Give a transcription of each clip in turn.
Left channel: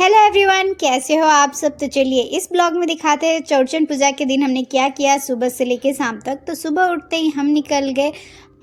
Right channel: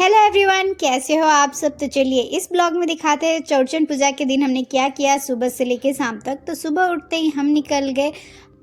Hello everyone, कैसे हो आप सब। तो चलिए इस ब्लॉग में दिखाते हैं चौरचन पूजा के दिन हमने क्या किया सुबह से लेके शाम तक। तो सुबह उठते ही हम निकल गए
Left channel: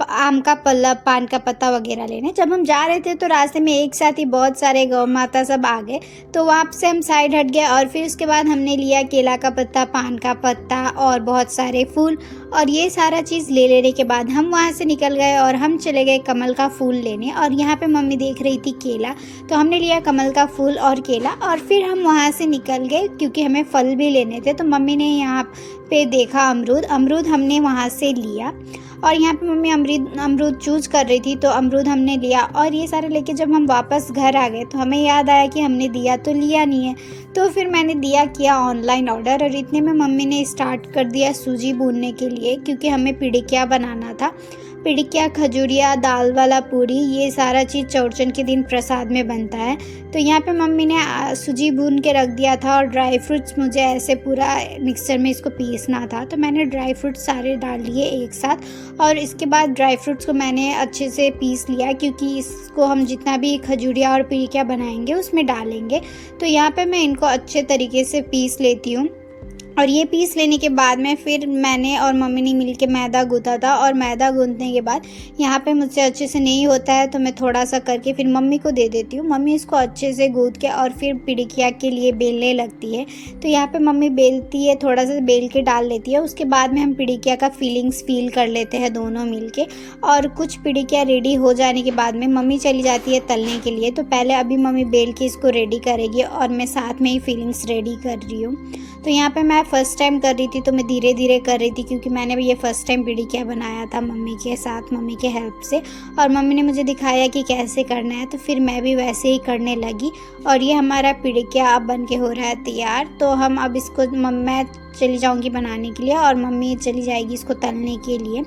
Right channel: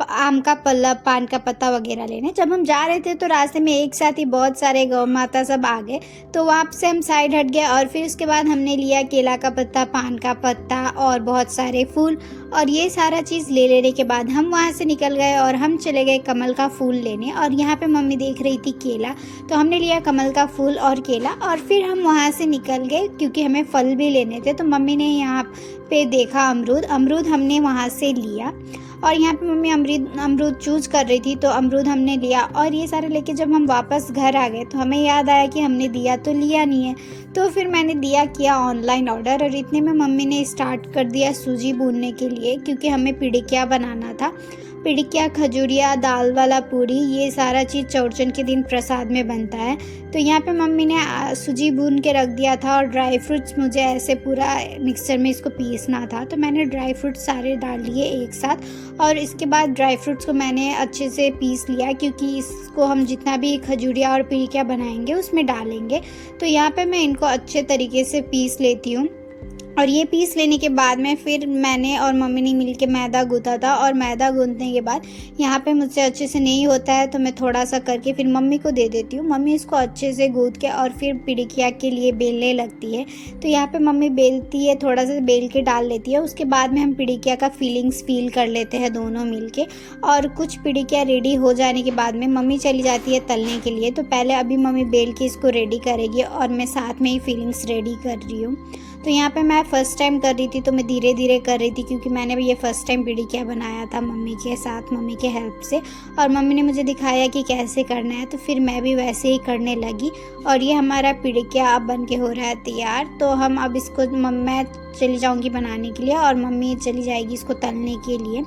आम का पल्ला, पान का पत्ता वगैरह लेने। जब हम जा रहे थे तो रास्ते में एक साथ ही बहुत सारे गौ माता सब आ गए, तो वहाँ से हम साइड हट गए और फिर उसके बाद हमने लिया केला का पत्ता, पान का पत्ता और बहुत सारे फूल। और ये सारा चीज़ ले लेने के बाद हम वहाँ से निकल गए और हम चले गए कमल का फूल लेने। और यहाँ पे मम्मी देख रही थी केला, तो हमने लिया कमल का फूल और केला और फिर हम वहाँ से निकल गए क्योंकि हमें फल भी लेने थे। तो मम्मी ने यहाँ पे देखा अमरूद हमने वहाँ से लिया। और यहाँ पे मम्मी अमरूद चूज कर रही थी, तो अमरूद हमने लिया। और ये सारे लेके जब हम वापस घर आ गए तो हमें याद आया कि हमने दिया तो लिया नहीं है। तो फिर मैंने दिया किया ऑनलाइन ऑर्डर और इतने में मम्मी ने स्टार्ट कर दिया सूजी भूनने के लिए, क्योंकि हमें पिड़िकिया बनाना था। पिड़िकिया, खजूरिया, दाल वाला पूरी, ये सारा चीज़ चौरचन के दिन प्रसाद में बनता है। तो यहाँ पे मम्मी ने सूजी भून के रख दिया था और ड्राई फ्रूट्स मुझे ऐसे पूरा मिक्सर में इसको पीसना था। तो मैंने ड्राई फ्रूट्स सारे डाल लिए एक साथ और इसके बाद ड्राई फ्रूट्स को मैंने अच्छे से पीस लिया, क्योंकि इसको हम जितना भी खजूरिया और पिड़िकिया बनाएंगे उसमें डालेंगे। तो यहाँ पे मैं इनको अच्छे तरीके से पीस लेती हूँ। और ये पीस लेने के बाद में फिर मैंने और मम्मी ने मिलके मैदा गूंथा था। और मैदा गूंथने के बाद यहाँ पे मुझसे अच्छे से नहीं होता है तो मैं थोड़ा सा करके फिर मम्मी को दे देती हूँ। मम्मी इसको अच्छे से गूंथ के और फिर पिड़िकिया के लिए बेलने लगती है। तो यहाँ पे मम्मी बेलती है, थोड़ा सा बेल के डाल लेती है। उसके बाद में हम पिड़िकिया का फीलिंग्स फील कर लेते हैं दोनों मिलके। और कुछ पिड़िकिया रेडी हो जाने के बाद में मम्मी चली जाती है तलने के लिए। तो पहले अभी मम्मी बेल के इसको रेडी करेगी और मैं साथ में ही फीलिंग्स रेडी कर रही हूँ। तो यहाँ पे मैं फ़र्स्ट टाइम कर रही थी तो मैं धीरे धीरे कर रही थी, क्योंकि मैंने भी ये फ़र्स्ट टाइम पिड़िकिया बनाया था मम्मी के साथ, मम्मी के हेल्प से। और मम्मी ने मुझे दिखाया कि कैसे करना है, तो फिर मैं भी वैसे ही करने लगी। और ये हमारा पिड़िकिया अब बन के हो रहा है तैयार। तो हम अब इसको मैं चली जाऊंगी बनाने के लिए और मम्मी चली जाएगी इसको तलने के लिए।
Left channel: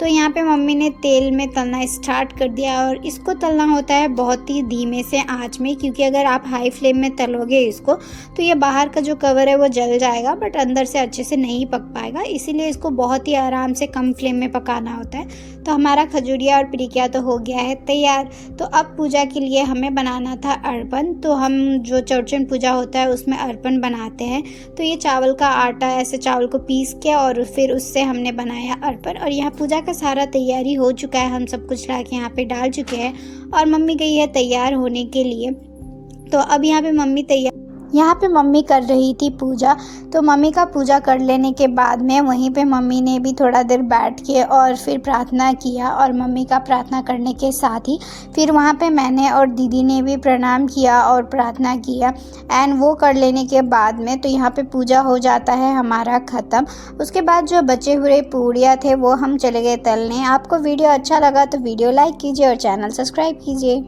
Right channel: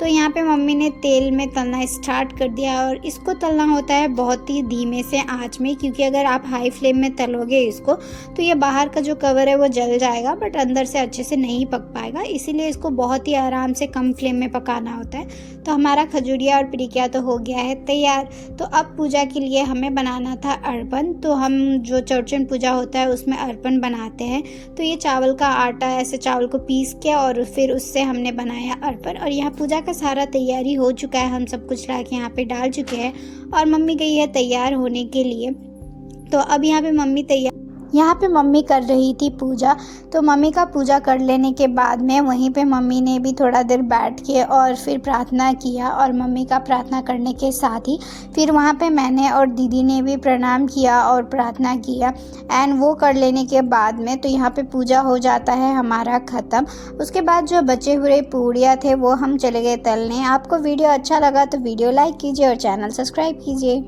तो यहाँ पे मम्मी ने तेल में तलना स्टार्ट कर दिया। और इसको तलना होता है बहुत ही धीमे से आंच में, क्योंकि अगर आप हाई फ्लेम में तलोगे इसको तो ये बाहर का जो कवर है वो जल जाएगा, बट अंदर से अच्छे से नहीं पक पाएगा। इसीलिए इसको बहुत ही आराम से कम फ्लेम में पकाना होता है। तो हमारा खजूरिया और पिड़िकिया तो हो गया है तैयार। तो अब पूजा के लिए हमें बनाना था अर्पण। तो हम जो चौरचन पूजा होता है उसमें अर्पण बनाते हैं। तो ये चावल का आटा, ऐसे चावल को पीस के और फिर उससे हमने बनाया अर्पण। और यहाँ पूजा का सारा तैयारी हो चुका है, हम सब कुछ ला के यहाँ पे डाल चुके हैं और मम्मी गई है तैयार होने के लिए। तो अब यहाँ पे मम्मी कर रही थी पूजा। तो मम्मी का पूजा कर लेने के बाद में वहीं पे मम्मी ने भी थोड़ा देर बैठ के और फिर प्रार्थना किया। और मम्मी का प्रार्थना करने के साथ ही फिर वहाँ पे मैंने और दीदी ने भी प्रणाम किया और प्रार्थना किया। एंड वो कर लेने के बाद में तो यहाँ पे पूजा हो जाता है हमारा ख़त्म। उसके बाद जो बचे हुए पूड़ियाँ थे वो हम चले गए तलने। आपको वीडियो अच्छा लगा तो वीडियो लाइक कीजिए और चैनल सब्सक्राइब कीजिए।